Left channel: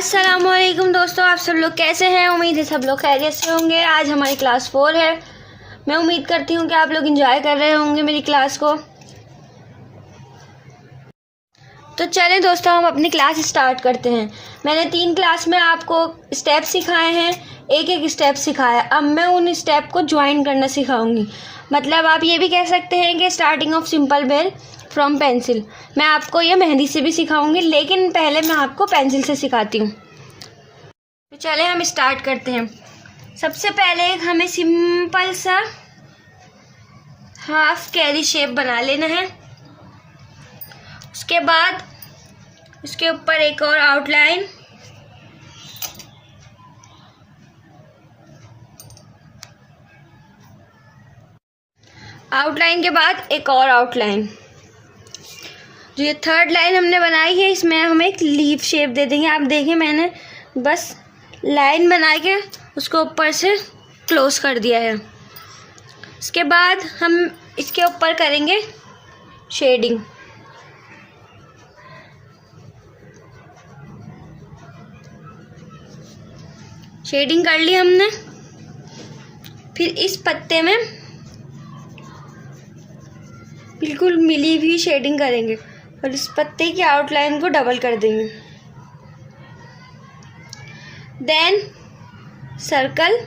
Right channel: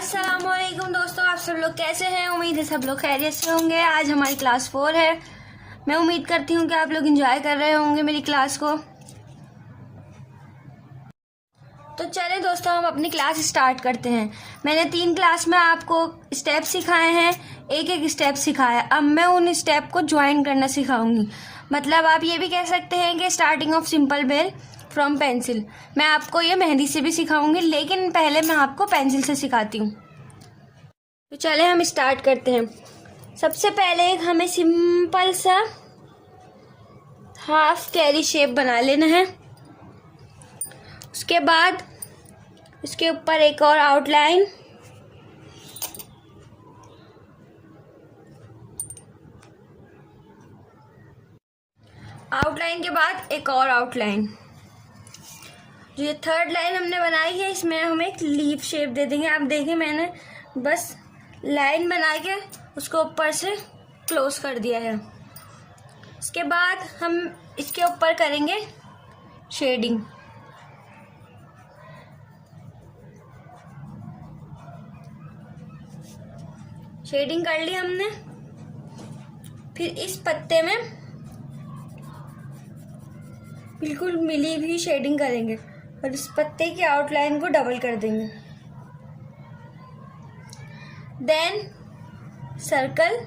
अस्सलामुअलैकुम दोस्तों, आप सब लोग कैसे हैं। उम्मीद है सब लोग खैरियत से होंगे। आज हमारी क्लास 4 है। मैं उम्मीद करती हूँ कि आप लोग एंजॉय कर रहे होंगे मेरी क्लास को। तो चलें दोस्तों, हम अपनी क्लास स्टार्ट करते हैं। मैंने 3 क्लास में आपको स्टेप सिखाए हैं, एक एक स्टेप सिखाया। अब मैं उन स्टेप को ज्वाइन करना सिखाऊंगी। मतलब आप ये भी कह सकते हैं कि starting of simple bell from pencil. मैं आपको ये मेहंदी से भी सिखाऊंगी, लेकिन पहले मैं आपको पेंसिल से सिखाती हूँ। तो चले हम स्टार्ट करते हैं। सबसे पहले हमें सिंपल सा हाफ कैरी शेप बना लेना है। उसके बाद उसके ऊपर एक और आउटलाइन, आउटलाइन के बाद एक और आउटलाइन। जो ये थर्ड लाइन हमने बनाई है, इसमें हम एक लीफ शेप दे देंगे। आप देखिए, मैंने बस लाइन बना के उसको ऊपर से क्लोज कर दिया है। इसके बाद हम इसके ऊपर करेंगे शेडिंग। शेडिंग कर ली हमने। फिर इस पत्ते में बिल्कुल मिली भी शेडिंग करेंगे और इस पत्ते की आउटलाइन को डबल कर देंगे। Then circle,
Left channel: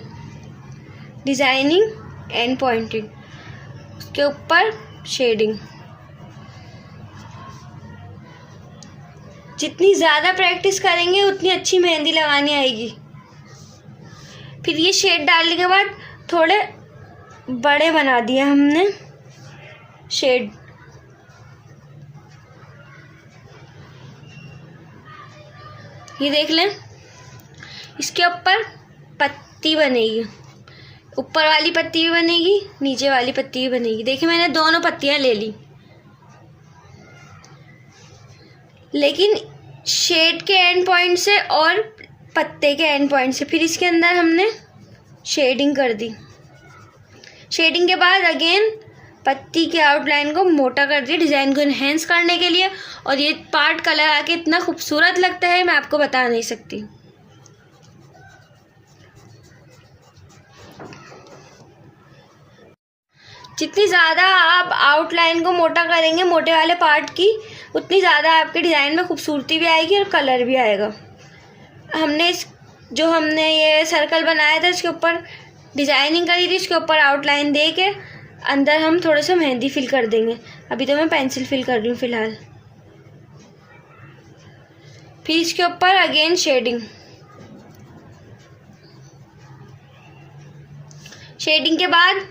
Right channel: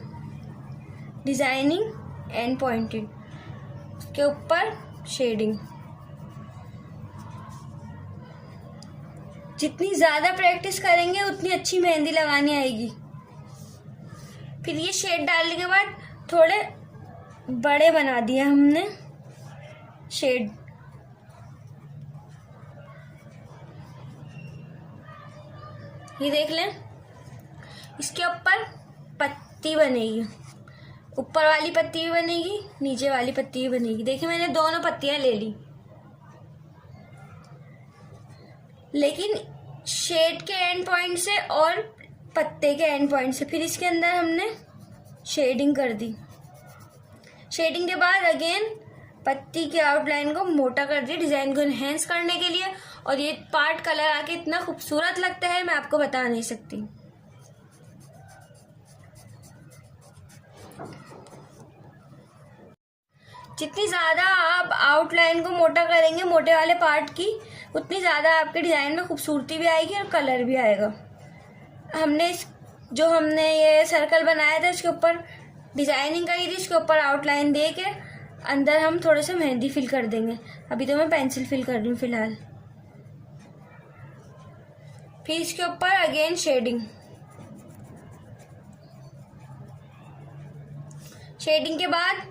designing and pointing, उसके ऊपर शेडिंग। जितनी ज़्यादा प्रैक्टिस करेंगे उतनी अच्छी मेहंदी लगानी आएगी। फिर ये शेड डालने के बाद थोड़े बड़े बना दिए हमने शेड। ये देख लें, इसके ऊपर पत्ती बनेगी। ऊपर वाली पत्ती भी बनेगी, नीचे वाली पत्ती भी बनेगी। देखिए, मैंने दोनों पत्तियां ले ली, लेकिन शेड के एंड पॉइंट से और पत्ते के एंड पॉइंट से। फिर इसके अंदर हमने शेडिंग कर दी। शेडिंग के बाद अगेन पत्ती के आउटलाइन को मोटा कर दिया, डिज़ाइन को इन्हेंस करने के लिए। और ये पार्ट कलर आके इतना खूबसूरत लगता है, मैं आपको बता नहीं सकती। जितनी ज़्यादा आप आउटलाइन को मोटा करेंगे, मोटे वाले पार्ट की, उतनी ज़्यादा आपके डिज़ाइन में खूबसूरती भी आएगी और कलर भी आएगा। हमने ये सर्कल बनाया था, इसके ऊपर डिज़ाइनिंग करी थी, इसके ऊपर आउटलाइन दे के अंदर हम थोड़ा सा मेहंदी फिल कर देंगे। अभी तो मैं पेंसिल फिल कर रही हूँ फ़िलहाल। फिर इसके ऊपर अगेन शेडिंग। शेडिंग के बाद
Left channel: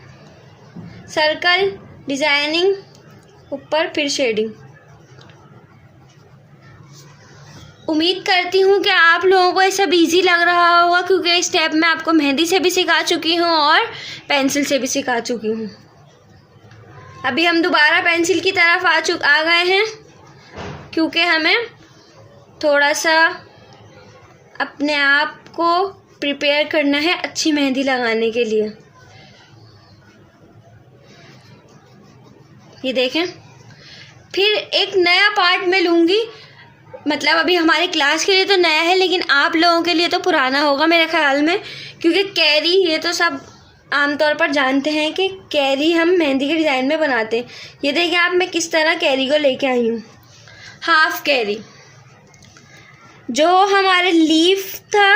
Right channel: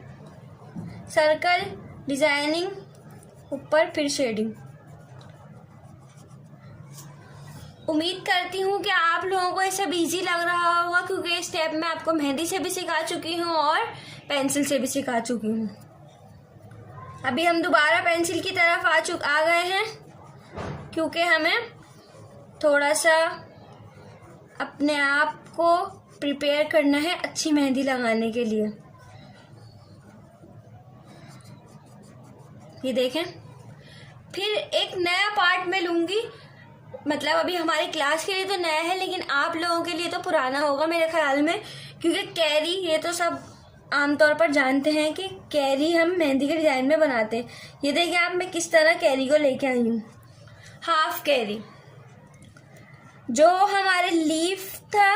सर्कल, डिज़ाइनिंग, ऊपर फिर शेडिंग। उम्मीद करती हूँ कि आप लोगों को ये सब इजी लग रहा होगा, क्योंकि इस स्टेप में आपको मेहंदी से भी सिखा चुकी हूँ और पेंसिल से भी सिखा चुकी हूँ। अभी हम दोबारा पेंसिल की तरफ आ गए हैं, क्योंकि हमें थोड़ा सा अपने आप को प्रिपेयर करना है अच्छी मेहंदी लगाने के लिए। ये देखें, फिर एक नया पार्ट मैं लूँगी। मतलब अभी हमारी क्लास के लिए तो नया है, लेकिन आप लोगों के लिए तो पुराना होगा मेरे ख्याल में, क्योंकि कैरी ये तो सब आमतौर पर जानते हैं कि कैरी हम मेहंदी के डिज़ाइन में बनाते हैं। ये देखिए आप, मैं किस तरह कैरी को लेके आई हूँ। हाफ कैरी, जो हमारे लीफ था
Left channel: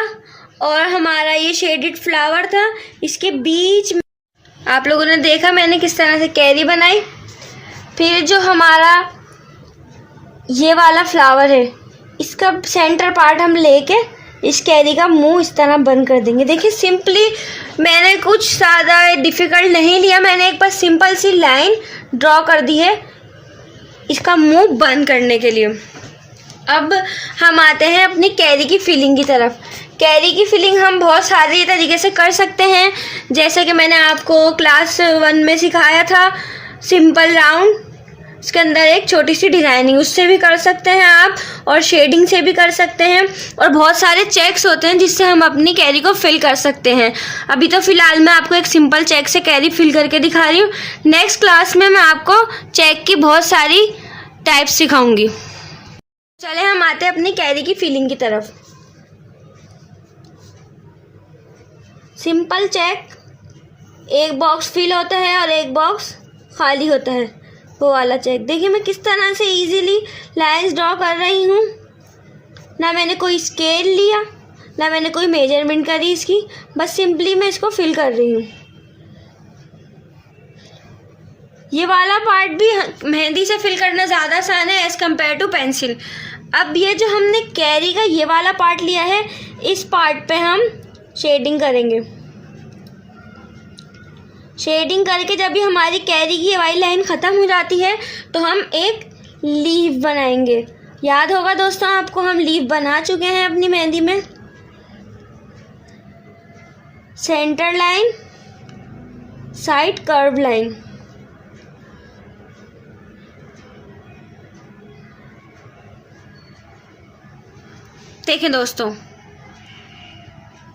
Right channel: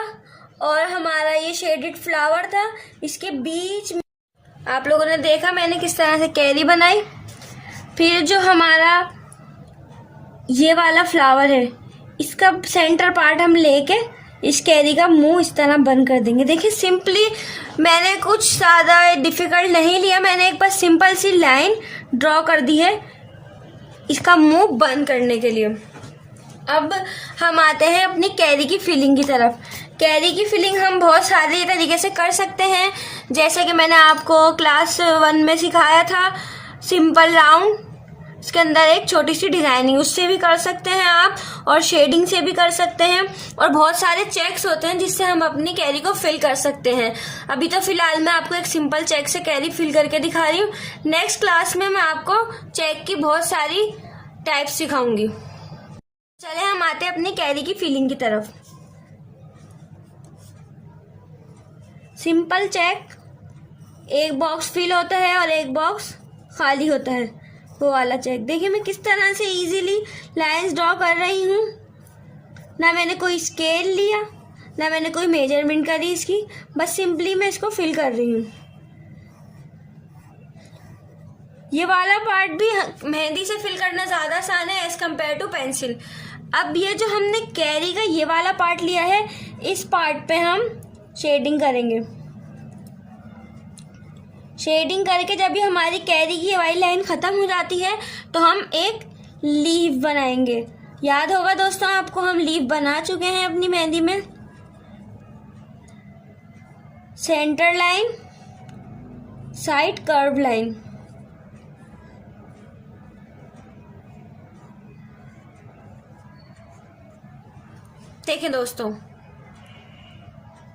और हमारा ये शेडेड फ्लावर था, इसके बीच में आप लोगों ने देखा मैंने किस तरह से कैरी बनाई। फिर जो हमारा ये वाला फ्लावर है, इसका सेंटर पार्ट हम लेके इस कैरी का मुंह इस तरह बंद कर देंगे। देखिए, सिंपली मैंने कुछ ज़्यादा डिफ़िकल्ट नहीं लिया। मैंने एक बस सिंपल सी लाइन ड्रॉ कर दी है इसका मुंह बंद करने के लिए। अब हम आते हैं अपनी कैरी की फिलिंग की तरफ। कैरी की फिलिंग हम बहुत सारे तरीके से कर सकते हैं, जैसे कि मैंने आपको क्लास 1 में सिखाया था, सिंपल राउंड, इसके अंदर एक छोटी सी डिज़ाइनिंग, उससे भी कर सकते हैं आप, और शेडिंग से भी कर सकते हैं। और बहुत सारे चेक्स होते हैं जिससे हम अपनी कैरी को फिल कर सकते हैं। अभी तो फ़िलहाल मैं आपको एक सिंपल चेक से कैरी फिल करके दिखा रही हूँ। नेक्स्ट क्लास में मैं आपको चेक की बहुत सारी टाइप सिखाऊंगी। चले हम आते हैं अपनी कैरी की फिलिंग की तरफ। सिंपल चेक, एक बॉक्स फिल होता है और एक बॉक्स खाली होता है, वो वाला चेक। देखिए मैं किस तरह से इजीली लाइंस ड्रॉ कर रही हूँ। ना मैंने कोई स्केल लिया, ना मैंने कोई मेजरमेंट करी इसकी, बस सिंपली मैं इसको फिल कर रही हूँ। ये वाला पार्ट भी मेहंदी से फिल करना ज़्यादा आसान है एज़ कम्पेयर टू पेंसिल। अब ये जो हमने कैरी का ये वाला पार्ट लिया है, इस पार्ट पे हम शेडिंग करेंगे। शेडिंग करके जब भी हमारी कैरी की वाली लाइन ख़त्म हो जाती है तो हम एक लीफ बनाएंगे। याद होगा दोस्तों आपको, हम लीफ बना चुके हैं अपनी मेहंदी में। Centre line, side curve line. देखिए दोस्तों,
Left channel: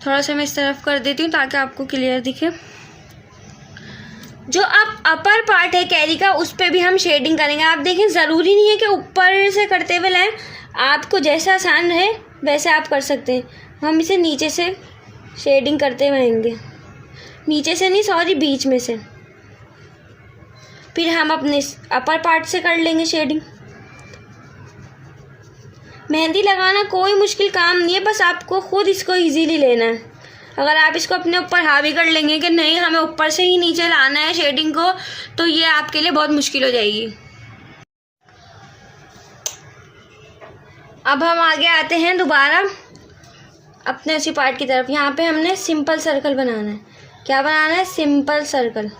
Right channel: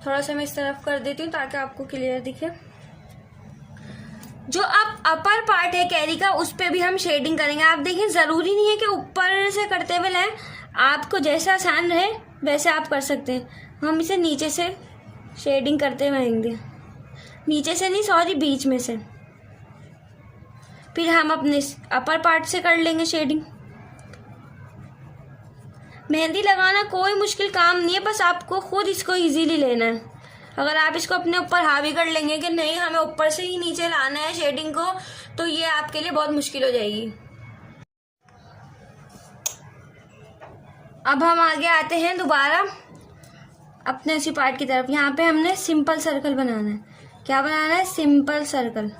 थोड़ा सा मैं इस तरफ कर देती हूँ ताकि आपको क्लियर दिखे। जो अब अपर पार्ट है कैरी का, उस पर भी हम शेडिंग करेंगे। आप देखें, ज़रूरी नहीं है कि ऊपर से करते हुए लाएं, आपको जैसा आसान रहे वैसे आप कर सकते हैं। हम इसे नीचे से शेडिंग करते हुए आएंगे, नीचे से नहीं सॉरी, बीच में से। फिर हम अपने अपर पार्ट से कर लेंगे शेडिंग। मेहंदी लगाना कोई मुश्किल काम नहीं है, बस आपको खुद इसको इजीली लेना है। अगर आप इसको अपने ऊपर हावी कर लेंगे कि नहीं हमें ऊपर से ही नीचे लाना है शेडिंग को, तो ये आपके लिए बहुत मुश्किल हो जाएगी। अब हम आगे आते हैं दोबारा अपने उसी पार्ट की तरफ। यहाँ पे हमने सिंपल सर्कल बनाना है। क्या बनाना है? Simple circle.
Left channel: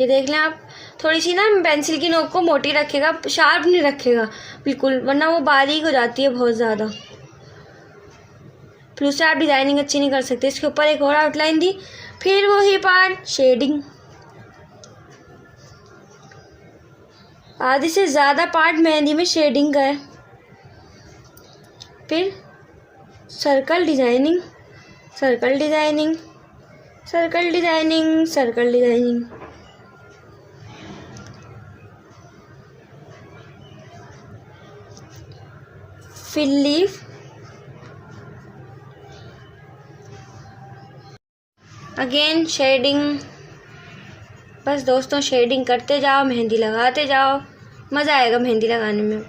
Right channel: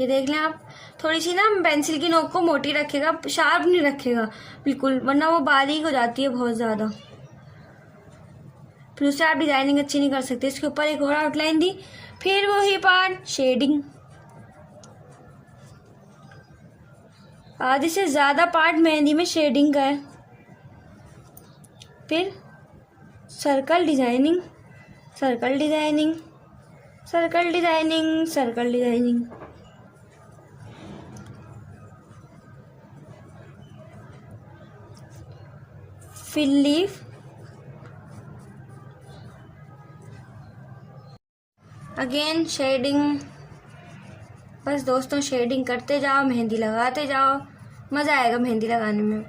ये देख लें आप, थोड़ी सी ना पेंसिल की नोक को मोटी रखेगा, शार्प नहीं रखेगा बिल्कुल, वरना वो बारीक हो जाती है बहुत ज़्यादा, फिर उससे आप डिज़ाइनिंग अच्छी नहीं कर सकते। इसके ऊपर एक और आउटलाइन दी, फिर वही पार्ट शेडिंग। आधे से ज़्यादा पार्ट मेहंदी में शेडिंग का है। फिर circle designing, circle designing, circle designing, circle designing. फिर लीफ, अगेन शेडिंग। बस दोस्तों शेडिंग करते जाओ, मेहंदी लगाते जाओ, मज़ा आएगा मेहंदी लगाने में।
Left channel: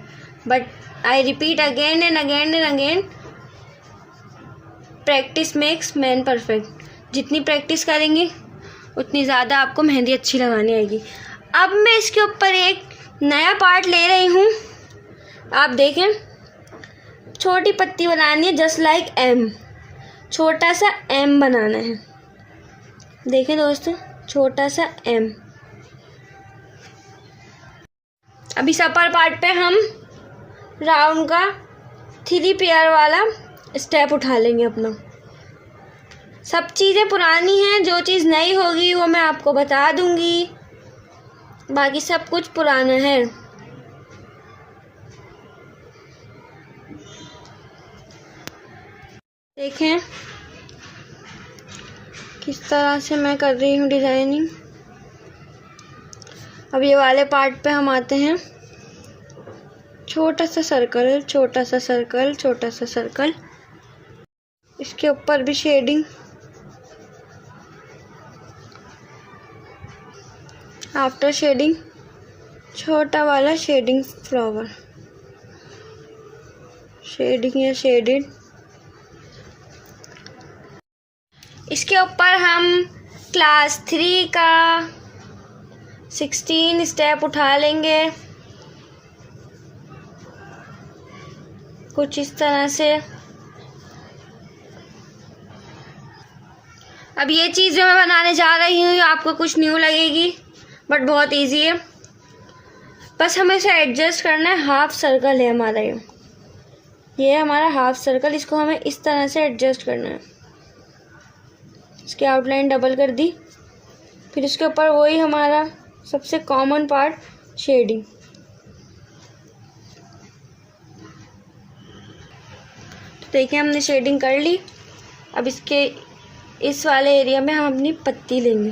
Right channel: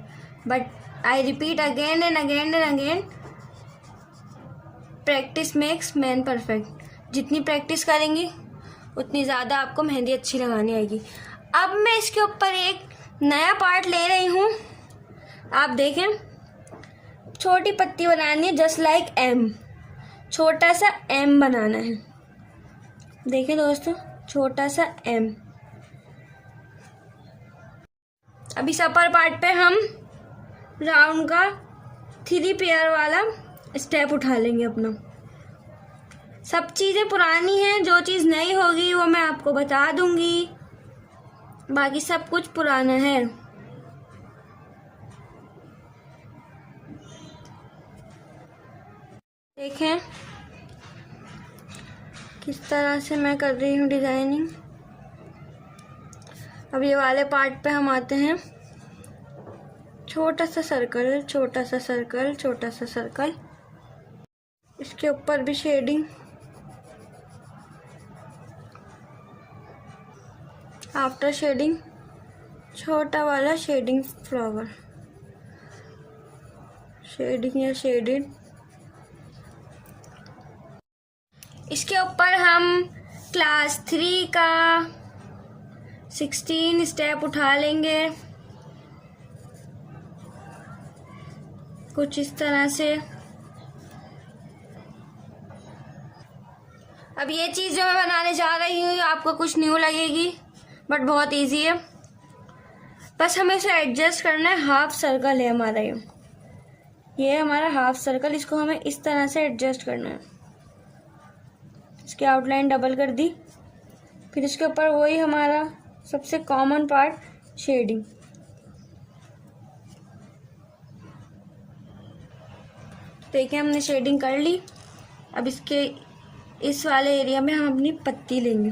But I repeat again and again and again, practice makes man perfect. जितनी प्रैक्टिस करेंगे उतनी ज़्यादा आपको मेहंदी अच्छी लगानी आएगी। अब मैं इसके ऊपर एक नया पार्ट ले रही हूँ। आप देखें, छोटी पत्ती बनानी है, जस्ट लाइक एम, छोटा सा एम बनाना है। देखें दोस्तों, छोटा सा एम। अब इस अपर पार्ट पे हम राउंड का 3 पेयर वाला स्टेप उठा लेंगे अपना। सब चीज़ें पुरानी हैं, जो चीज़ नई होगी वो मैं आपको बता दूंगी, बाकी सब कुछ पुराना है। देखें किस तरह से मैं कर रही हूँ डिज़ाइनिंग। अब ये वाले पार्ट पे हम आते हैं, छोटा सा सर्कल, छोटा सा सर्कल, छोटा सा सर्कल। इसके ऊपर भी शेडिंग। आफ्टर शेडिंग छोटा वाला शेडिंग फ्लावर, शेडिंग या शेडेड। इसके ऊपर हम क्लास 3 का 16 स्टेप उठा लेंगे कुछ इस तरह से। अब ये चीज़ जो मैं बनाने जा रही हूँ आपको कुछ न्यू लगेगी, बट बहुत इजी है। बस हमें इसे एडजस्ट करना है। हाफ सर्कल है हमारा, ये हमारा हाफ सर्कल, इसको हमें इस तरह से एडजस्ट करना है। इसकी आउटलाइन डबल कर दी, फिर इसके ऊपर वही हमारा सबसे कॉमन पार्ट शेडिंग। तो देखिए हमने शेडिंग कर ली। अब इसके इस वाले एरिया में हम अपनी पत्ती लेंगे,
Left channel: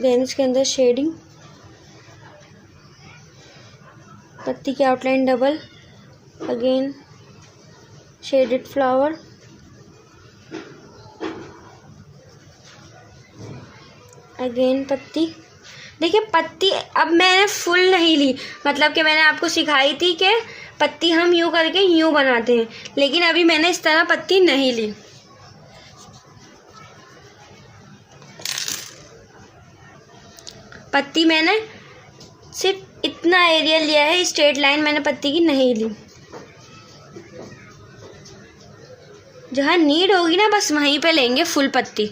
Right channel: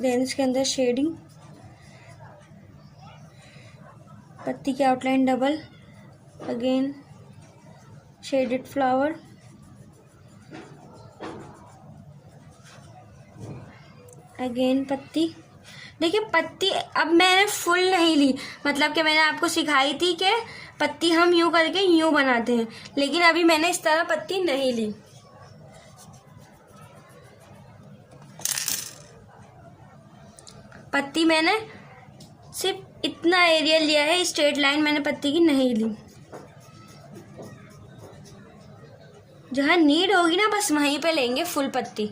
देन इसके अंदर शेडिंग, पत्ती की outline double, again shaded flower, again पत्ती। देखिए पत्ती अब मैंने फुल नहीं ली, मतलब कि मैंने आपको सिखाई थी कि पत्ती हम यूँ करके यूँ बनाते हैं, लेकिन अभी मैंने इस तरह पत्ती नहीं ली। पत्ती मैंने सिर्फ इतना एरिया लिया है, स्ट्रेट लाइन मैंने पत्ती की नहीं ली। जहाँ नीड होगी ना बस वहीं पे लेंगे फुल पत्ती।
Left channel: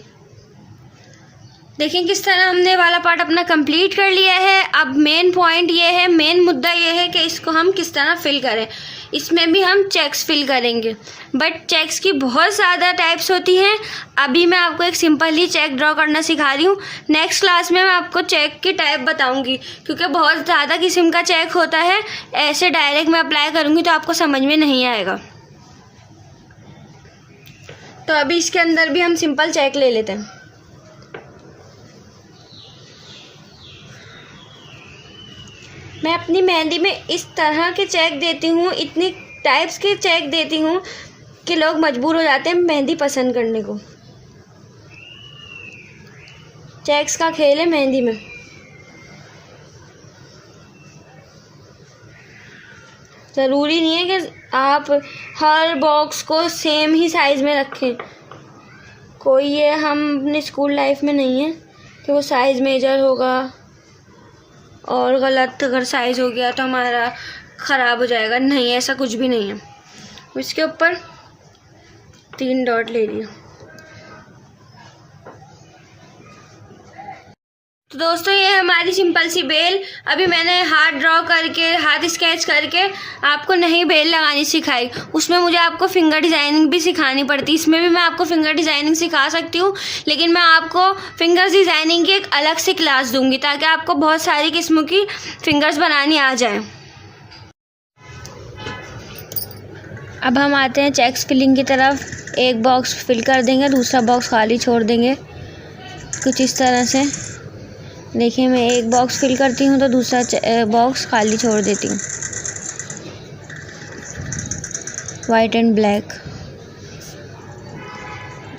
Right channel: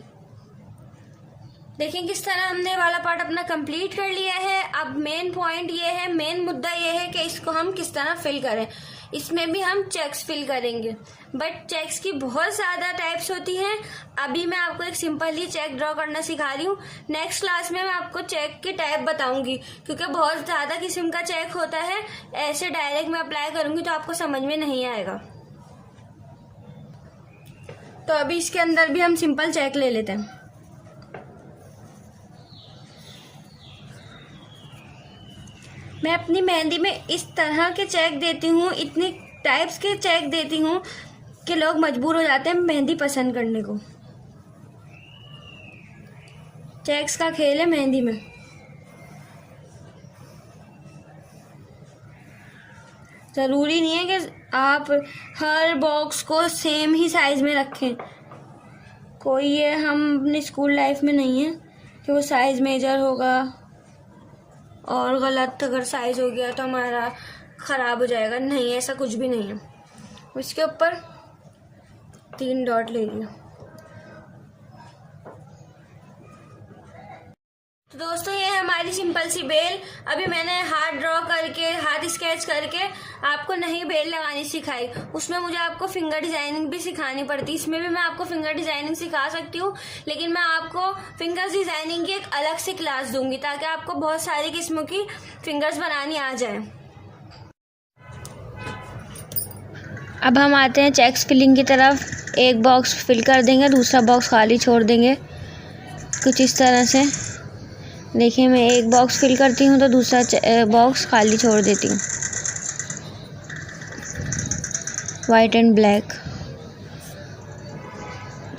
देखिए किस तरह हमने वाला पार्ट अपना कंप्लीट कर लिया है। अब मेन पॉइंट ये है, मेन मुद्दा ये है कि इसको हम किस तरह फिल करें। इसमें भी हम चेक्स फिल करेंगे, बट चेक्स की बहुत ज़्यादा टाइप्स होती हैं। अभी मैं आपको एक सिंपल ही चेक ड्रॉ करना सिखा रही हूँ। नेक्स्ट क्लास में मैं आपको चेक की टाइप बताऊँगी, क्योंकि बहुत ज़्यादा किस्म का चेक होता है। ऐसे डायरेक्ट मैं अप्लाई करूँगी तो आपको समझ में नहीं आएगा। तो अभी इसके अंदर भी हम सिंपल चेक ले लेते हैं। मैं अपनी मेहंदी में इस तरह के चेक देती हूँ, इतनी टाइप्स के चेक देती हूँ कि लोग मजबूर हो जाते हैं मेहंदी पसंद करने को। चेक्स का खेल है मेहंदी में। ज़रूरी नहीं है कि आप हर बॉक्स को सेम ही साइज़ में रखें। कोई ये हम अपने स्कूल लाइफ में नहीं है कि वो साइज़ मेजर होगा और गलत अगर साइज़ हो गया तो हमारा ख़राब हो जाएगा। नहीं, ऐसा कुछ भी नहीं है। इसके ऊपर 3 डॉट ले लिया। तो दोस्तों ये हमारी सिंपल सी बेल। अभी मैंने हाथ ड्रॉ करके, हाथ स्केच करके आपको नहीं बेल लगानी सिखाई। उसमें मुझे आपको फिंगर डिज़ाइनिंग भी सिखानी पड़ती। इसमें भी मैं आपको फिंगर डिज़ाइनिंग सिखा सकती हूँ, लेकिन मैं आपको फिंगर्स डिज़ाइनिंग की एक अलग से क्लास दूँगी ताकि आपको बहुत सारी किस्मों की फिंगर्स बनानी आ जाए। अब हम आते हैं चेक्स फिलिंग की तरफ। एक बॉक्स फिल कर देंगे, दूसरा बॉक्स खाली छोड़ देंगे कुछ इस तरह से। देखिए मैं एक बॉक्स फिल करती हूँ तो दूसरा बॉक्स खाली छोड़ देती हूँ। वाइट एंड ब्लैक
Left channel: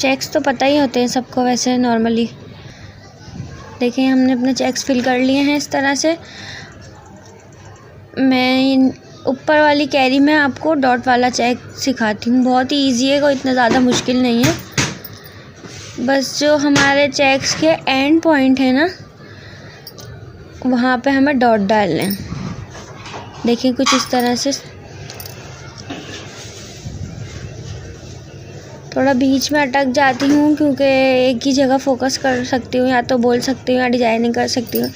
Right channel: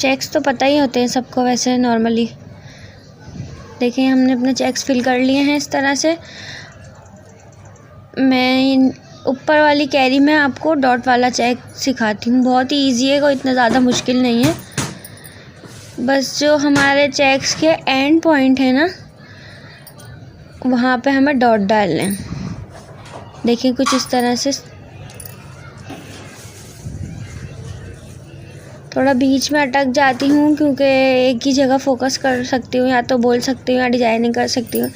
चेक्स तो पता ही होते हैं सबको वैसे नॉर्मली। देखिए हमने अपने चेक्स फिल कर लिए हैं इस तरह से। मैं ऊपर वाली कैरी में आपको डॉट वाला चेक सिखाती हूँ। बहुत ही ईजी है, कोई इतना ज़्यादा मुश्किल नहीं है। बस जो हमारे चेक्स के एंड पॉइंट है ना, वहाँ पे हमें डॉट डालने हैं। देखिए कुछ इस तरह से। थोड़ा बीच में अटक जाती हूँ क्योंकि एक ही जगह फोकस कर सकती हूँ, या तो बोल सकती हूँ या डिजाइनिंग कर सकती हूँ,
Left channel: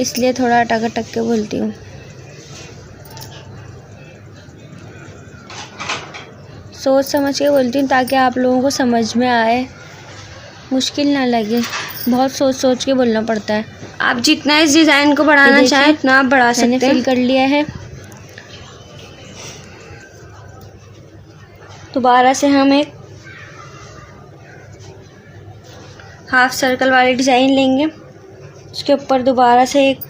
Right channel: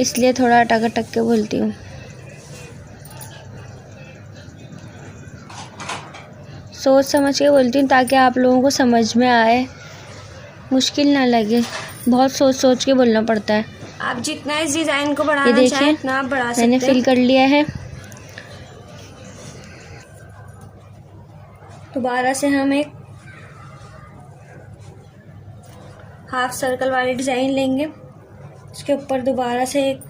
इसलिए थोड़ा अटक अटक के बोलती हूँ। सोच समझ के बोलती हूँ ताकि आप लोगों को समझ में आए, मुश्किल ना लगे। बहुत सोच सोच के बोलना पड़ता है। आप जितना इस डिज़ाइन को बढ़ाना चाहें उतना आप बढ़ा सकते हैं। मैंने फिल कर लिया है। दोबारा से हम एक हाफ सर्कल वाली डिज़ाइन लेंगे, उसके ऊपर दोबारा से एक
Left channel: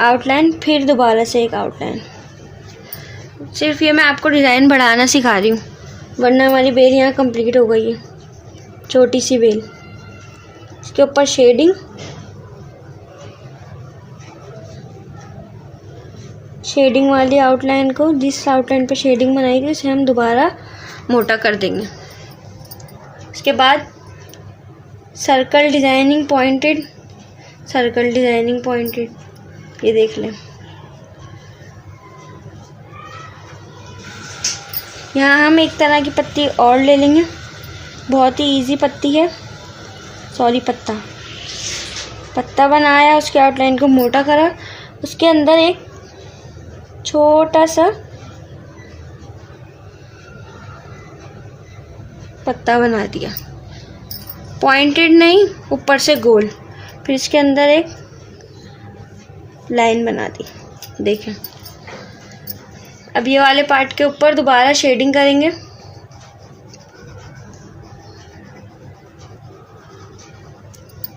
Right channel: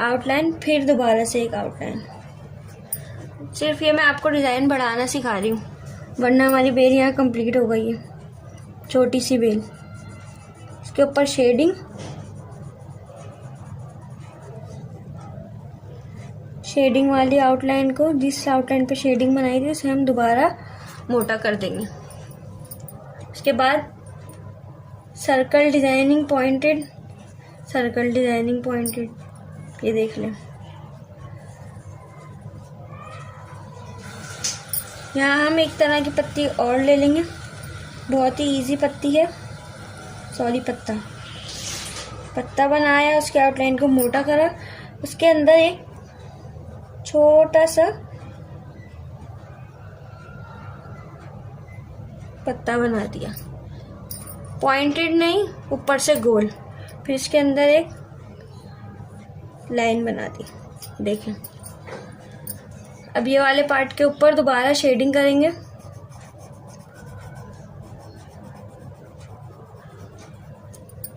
आउटलाइन, फिर दोबारा से एक आउटलाइन। सिर्फ ये मैं आपको डिज़ाइन बढ़ाना सिखा रही हूँ, वरना हमारी बेल यहाँ कंप्लीट हो गई है, छोटी सी बेल। इसके ऊपर शेडिंग वाली आउटलाइन को, जिस आउटलाइन पे शेडिंग बनाई थी उसे हम दोबारा मोटा कर देंगे। इसके बाद सर्कल डिज़ाइनिंग पॉइंटेड, ये देख लें। यहाँ हम एक तरह की पत्ती और ले लेंगे, बहुत ही इजी पत्ती है, पत्ता बनाया, उसके आउटलाइन को मोटा करा, उसके अंदर एक छोटा सा पत्ता बना दिया, पॉइंटेड नहीं, ऊपर से गोल। फिर इसके अंदर एक लाइन बना दी। देखें अब ये वाले पार्ट के ऊपर दोबारा शेडिंग करेंगे।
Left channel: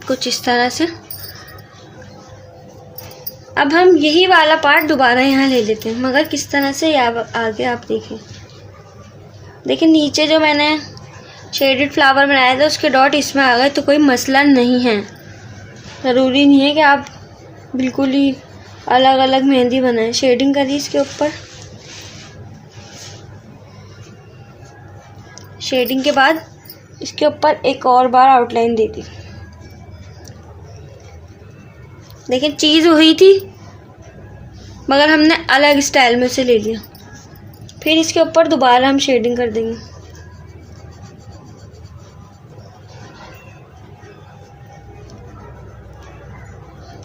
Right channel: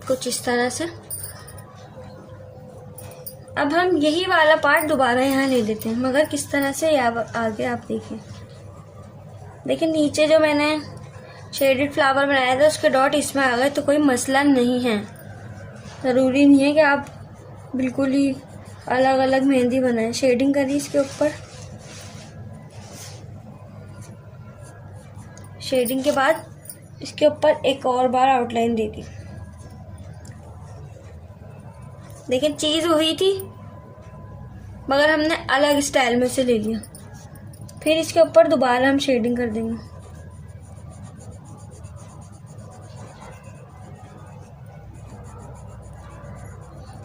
कुछ इस तरह से। अब हम यही वाला पार्ट दोबारा यहाँ ले लेते हैं, मगर किस तरह से आगे आप देखिए नीचे जो मैंने शेडेड फ्लावर बनाया था उसके डॉट इसमें आ गए, तो कोई मसला नहीं है। ज़रूरी नहीं है कि आप बिल्कुल ही अलग अलग मेहंदी बनाएं। शेडिंग करिए इसके ऊपर। शेडिंग के बाद इसके ऊपर एक और बार आउटलाइन दे दी। लेकिन चीज़ वही थी मगर हमने अलग स्टाइल में से ले लिया। फिर इसके ऊपर दोबारा हम शेडिंग कर देंगे।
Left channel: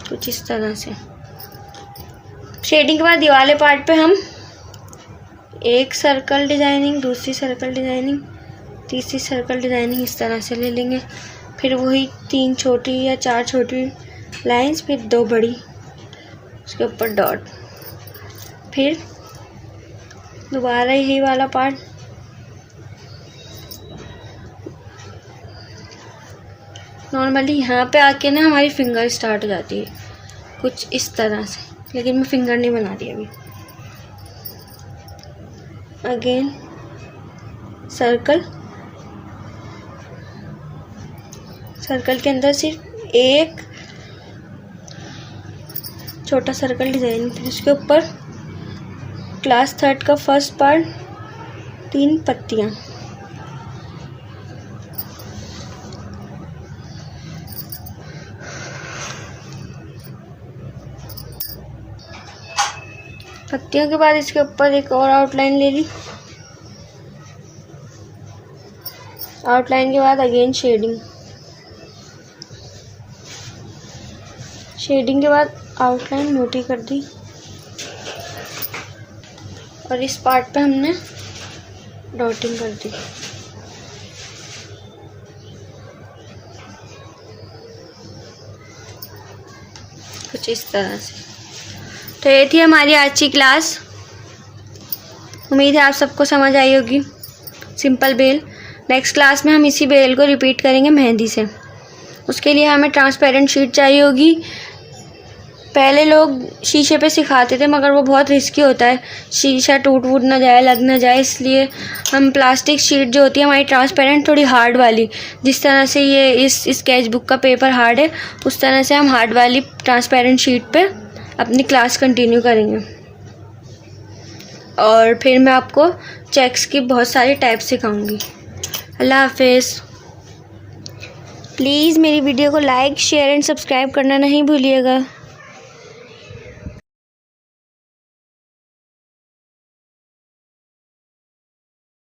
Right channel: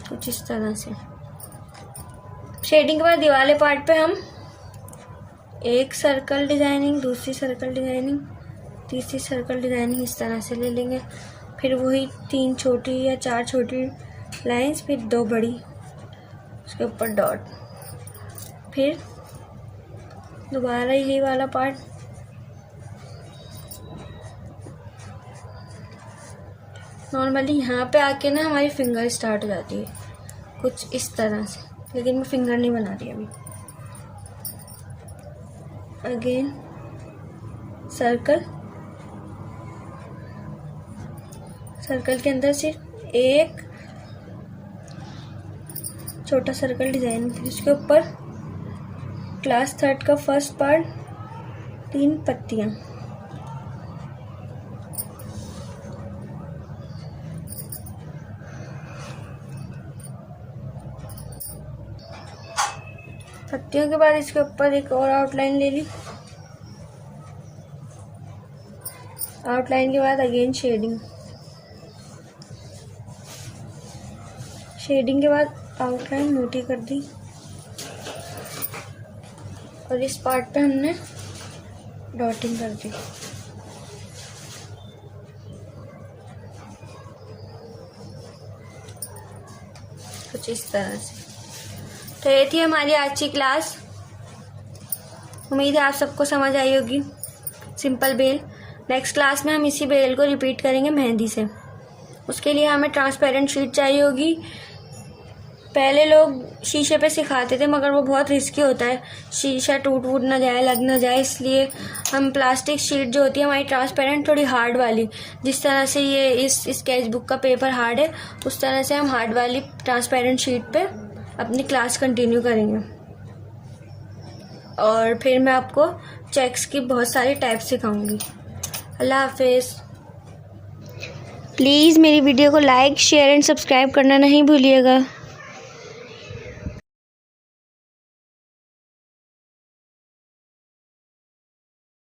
कुछ इस तरह से। शेडिंग के बाद दीवाले पार्ट पे हम एक सर्कल डिज़ाइनिंग, दूसरी सर्कल डिज़ाइनिंग, तीसरी सर्कल डिज़ाइनिंग इस तरह से ले लेंगे। फिर वही 3 छोटी या 4 छोटी लाइंस, फिर 2 बड़ी, उसके ऊपर डॉट। फिर दोबारा यही वाला पार्ट, नॉर्मली यहाँ पे आके ना हमारी फिंगर स्टार्ट हो जाती है कुछ इस तरह से, लेकिन मैं फिंगर नहीं बना रही अभी। अगेन सर्कल, सर्कल के अंदर सिर्फ एक छोटा सर्कल डिज़ाइन, फिर उसके ऊपर क्लास 3rd का फर्स्ट पार्ट, 3 पत्तियाँ। पत्तियों के बाद इसके ऊपर एक और आउटलाइन ले ली। आउटलाइन के बाद अगेन शेडिंग, शेडिंग के बाद आउटलाइन मोटी कर दी और इस पार्ट पे हमने डॉटिंग कर दी। कुछ इस तरह से। तो ये थी हमारी आज की क्लास। उम्मीद है आप सबको समझ आई होगी। Simple bell. नेक्स्ट क्लास में हम इसी बेल को रिपीट करेंगे मेहंदी से। उसके लिए हमें ट्रांसपेरेंट शीट चाहिए होगी। पहले लोग शीशे पे सिखाते थे मगर वो बहुत रिस्की होता है, शीशा टूट वूट ना जाए, लग ना जाए, इसलिए हम प्लास्टिक शीट जो होती है हमारी ट्रांसपेरेंट, थोड़ी हार्ड वाली, जिस तरह से ये इस स्केच बुक का पेपर हार्ड है उस तरह से हम हार्ड वाली ट्रांसपेरेंट शीट पे अपनी क्लास कंटिन्यू करेंगे। और फिर मैं आपको चेक्स की बहुत सारी टाइप सिखाऊंगी। अल्लाह हाफिज़। प्लीज़ मेरी वीडियो को लाइक, शेयर एंड सब्सक्राइब करना नहीं भूलिएगा।